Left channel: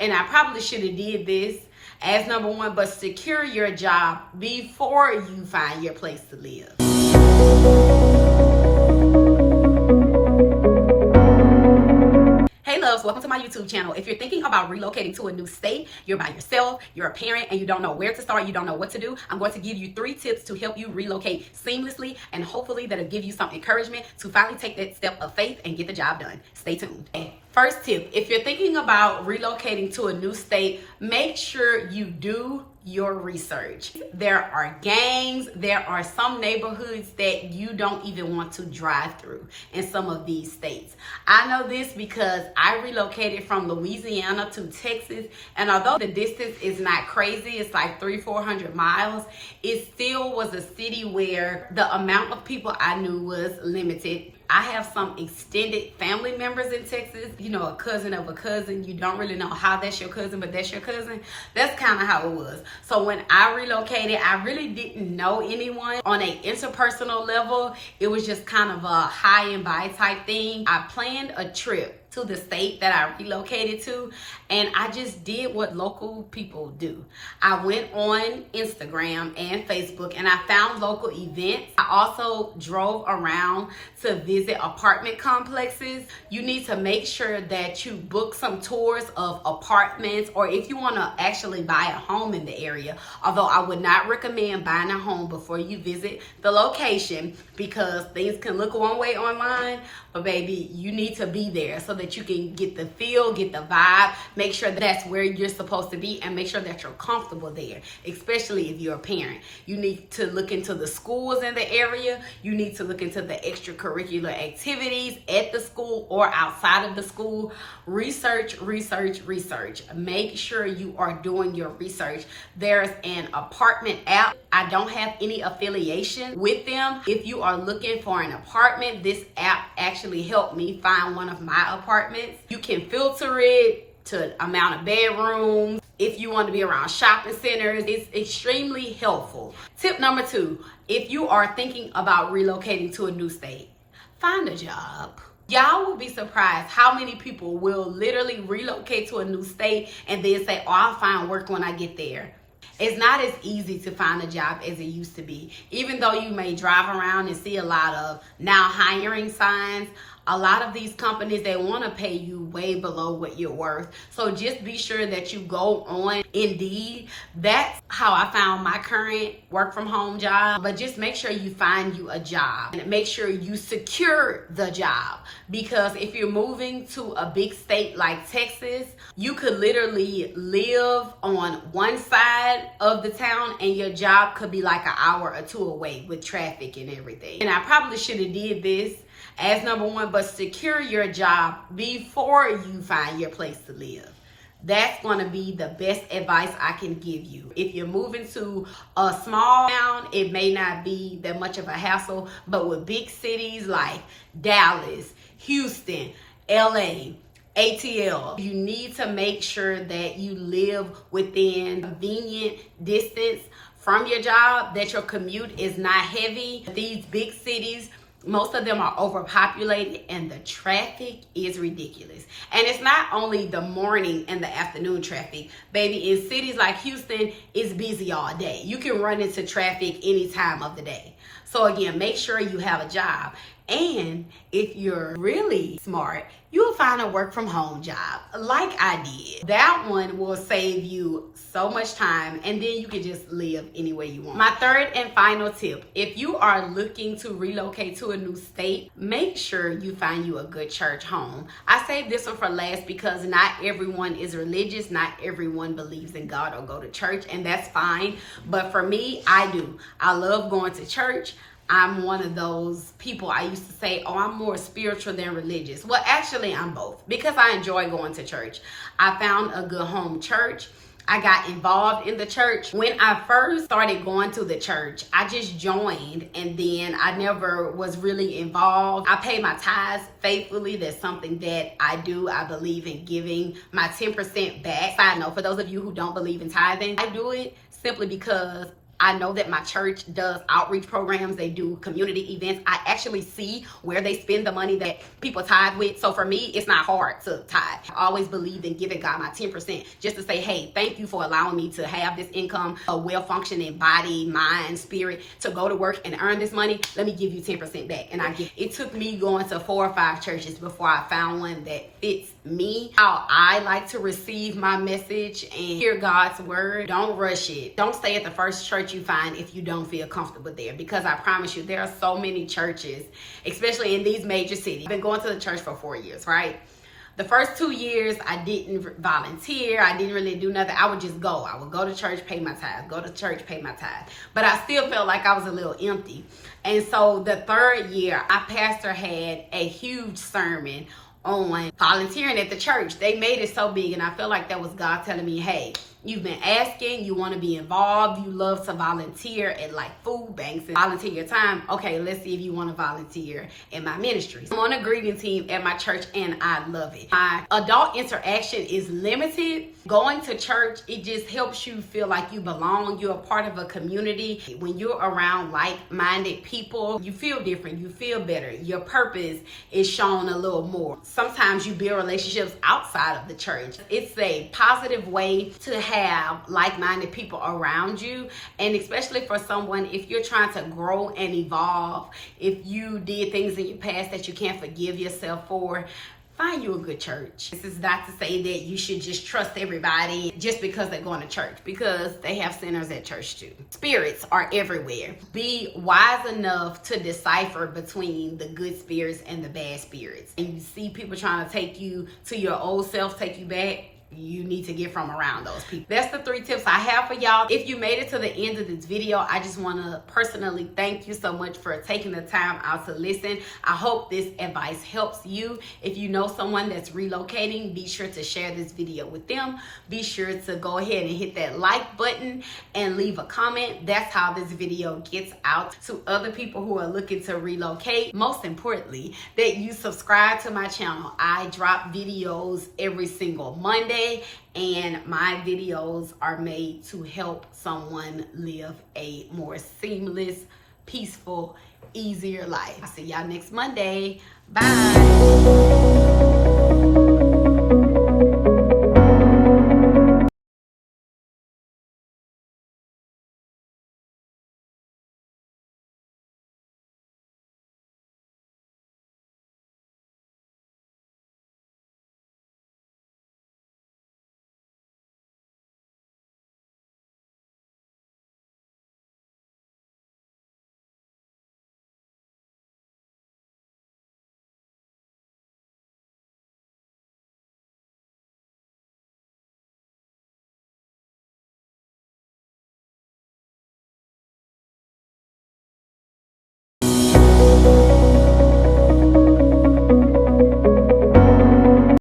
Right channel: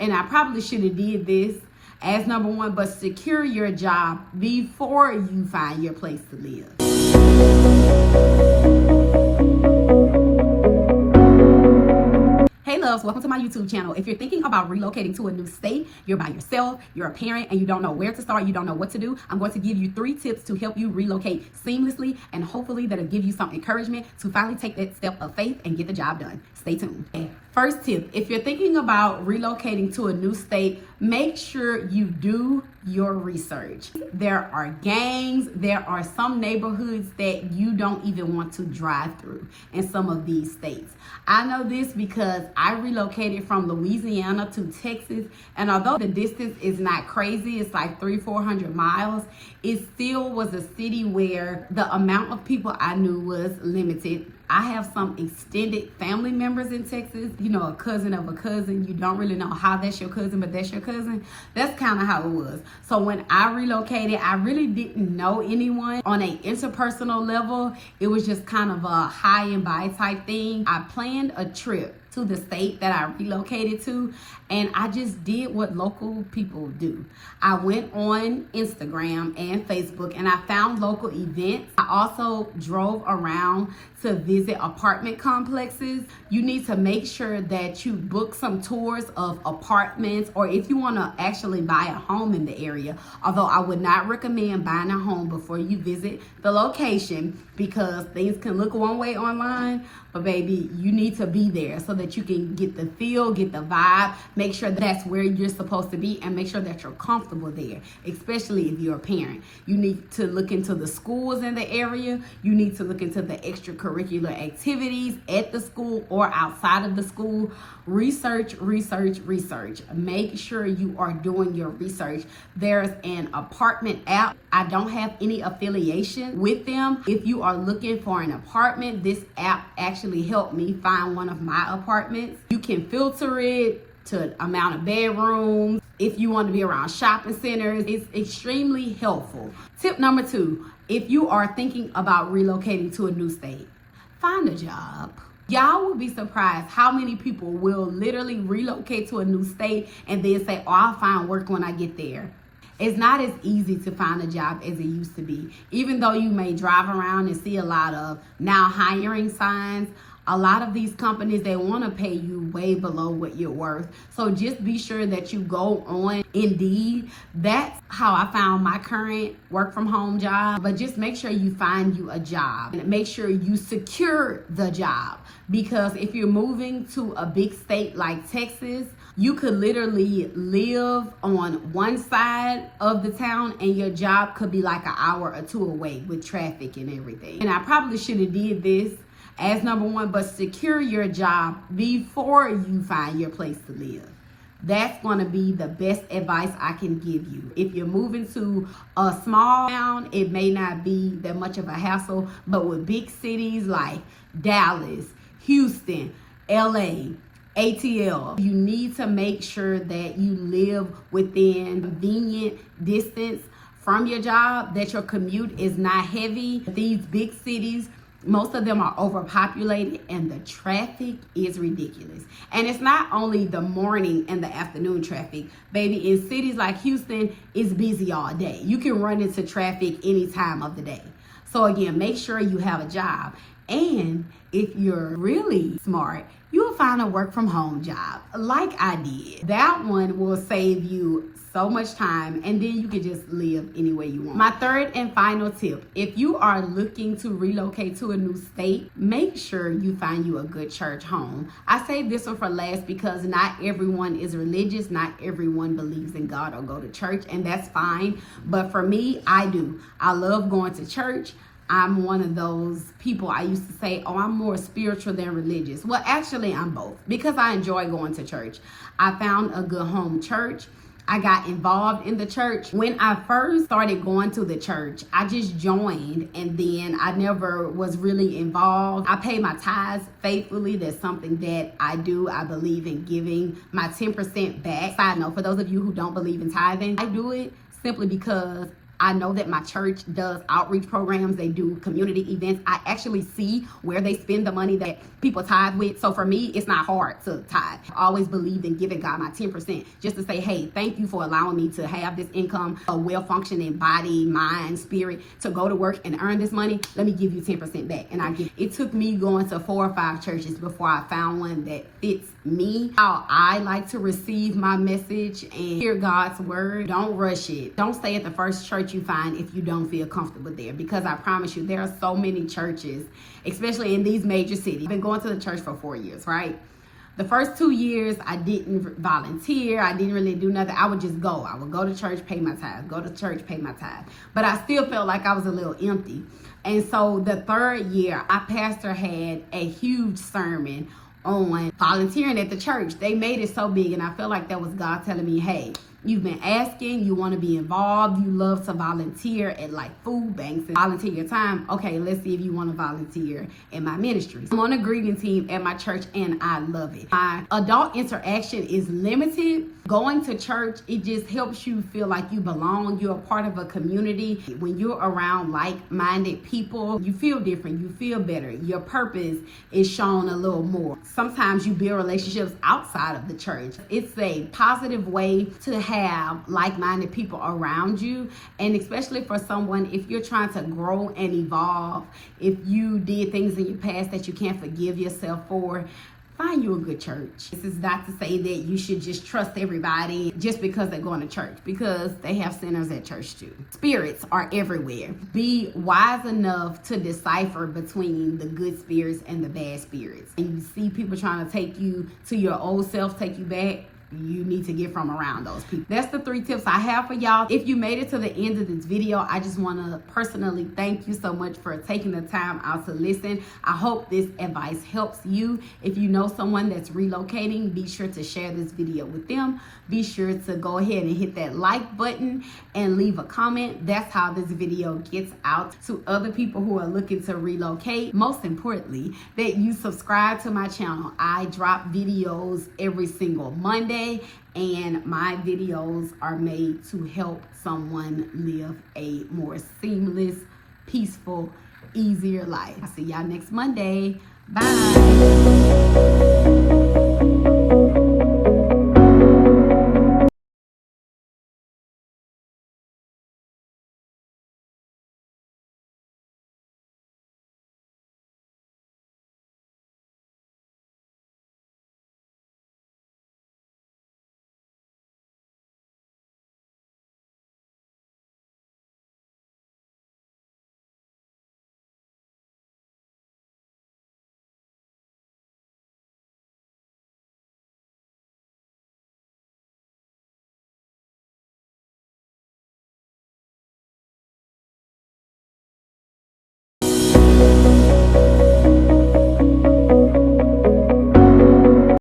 And I probably should have did this as number one, but secure your job before you find your place to live. Hey loves, welcome to my YouTube channel. If you're thinking about relocating to a new state, you're by yourself, you're a parent, and you don't know where to start, you don't know what to do, I'm going to give you 3 tips to help you relocate seamlessly, and hopefully that'll give you some encouragement to finally take that step of faith and get the job done. Stay tuned. First tip, if you're thinking about relocating to a new state, make sure you do your research. There are gangs, there are some neighborhoods that you don't even want to drive through in some of these states. I know this because I relocated from Louisiana to Texas, and although the distance is not crazy, it's like 300-400 miles, it still was a city where the amount of people I knew was limited. I have some extended family members in Texas, you know, a cousin of a cousin. You don't really know how that's your cousin, but that's your cousin. That's kind of how it was. So when I relocated, I really didn't know anyone on an interpersonal level. It was just kind of a high and by type thing. I planned a trip to the state that I relocated to, and I just did what local people do. I went on Instagram and Facebook and I found local events. I also drove around to visit apartment complexes. You need to make sure that you book some tours of apartments, or if you want to actually buy a home in the area, although I would not recommend buying a home before you visit the location, because things can look one way online, but baby, you need to be there so that you can get the feel, get the vibe, make sure that's where you're supposed to be, and make sure that you're comfortable there, especially if you're a parent. You need to look into the schools in the area. You need to look into the extracurricular activities at the school or outside of the school. Research, research, research. Make sure you are doing your research. There's an apartment app. I don't have any affiliation with them. If you are looking for an apartment, this app actually helped me find one of my apartments. You can filter it to amount of bedrooms. If you want to be around shopping centers, it's extremely helpful. Tip number 2, if you are thinking about relocating to a new state, find a job. Y'all will be surprised how many people will literally relocate to a new state and then say, oh, I'll find work when I get there. It's not as easy to find a job as it used to be. Even though you may drive around and see a lot of now hiring signs, a lot of these companies, they want to pay you way below what you're worth. So just be sure that you go on Indeed. That's how I found my current work from home job. But just make sure you find you a job and make sure you secure the job. Because if you're moving to a big state like Texas, you could literally live on one side of the town and your job could be like an hour or 2 away with traffic and everything. And I probably should have did this as number one, but secure your job before you find your place to live. That's going to be the best advice I can give you. If you're moving to a small town, it may not be that much of a hassle, but with big cities like Dallas, Houston, LA, ATL, you need to make sure that you live within convenient distance from your job, that your commute is not heavy. These big cities, most of them are overpopulated and the traffic is ridiculous. And it's not only the morning and the afternoon traffic. Baby, in cities like Houston, it's busy all day. You can run into traffic any time of the day. So again, make sure you have a job. And if you're really smart, you'll find a work from home job like I did. That one will save you so much time, and then you can just live any way you want. My third and final tip, if you are looking to relocate to a new state, make sure you find you a good church home. I saved this one for last because not everyone is religious, not everyone believes in God or go to church, and that's fine. But for me, I do. I love going to church. I'm one of those people, I used to say, oh, I'm more spiritual than religious. Well, actually, I'm both because I enjoy going to church. I found a good home church. I got involved in the church. When I first started going to the church, I just joined and then I never was really involved. I pay my tithes faithfully. That's something that I do. I believe in giving my 10% back. Side note, for those of you who don't believe in tithing, I do it simply because I know that my church does outreach programs. They do community events. I actually see where they spend the money that people tithe with. So for me, it's not hard to tithe. I always believed in giving God my 10% just to say, hey, thank you for allowing me to have this income, a well-functioning body, mind, spirit, to go to work and earn this money. Let me give you 10% back. And it took me going to 4 or 5 churches before I found one that fits me, how I like to receive my message and hear God's word. Don't rush it. Don't stay at the first church you find if you don't feel comfortable there, because I promise you, there are so many churches, especially in these major cities. I've been going to the church for 4 years, right? The first 2 years, I didn't volunteer. I didn't really do nothing. I would just go. I would go to church, pay my tithe. Go to church, pay my tithe. But I still felt like I was a little empty. And so the 3rd year, our pastor had a huge sermon on volunteering at the church. They made it so big, and I feel like that was God telling me, hey, you've been asking, you want to be involved, you love to volunteer at like food banks and volunteer your time. Okay, let's see if you want to volunteer in my ministry. I'm on a greeting team at my church and I love it. My adult interaction is limited. Going to church, it just helps you feel like you belong. You're a part of a community. When you're around like-minded people, you feel different, you feel better. Your purpose is shown a little more. Sometimes you build relationships outside of the church. It's a positive way to have like-minded people around you, and especially for someone, if you're trying to grow and evolve, if you did things in your past that you can't forgive yourself for, find you a good church. This is not to say that you should just trust everybody just because they're going to church, because they have sinners at church too. Spirits are everywhere. Be wise enough to decipher between the good spirits and the bad spirits. And you see people trying to take you to your old self, take you back, you need to get from around those people. That's the 3 tips I have for y'all. If you made it to the end of this video, I just want to personally thank you so much for taking the time out to listen. I hope this advice helps you. If you know someone that's relocating, be sure to share this video with them. Be sure to go ahead and hit that like button and leave a comment. That's how this video gets out to other people who are looking to relocate. Most importantly, that you subscribe to my channel. I drop videos every single Monday, and my videos are made to help someone live a more seamless, peaceful, easier life. I'll see y'all next Monday. Bye.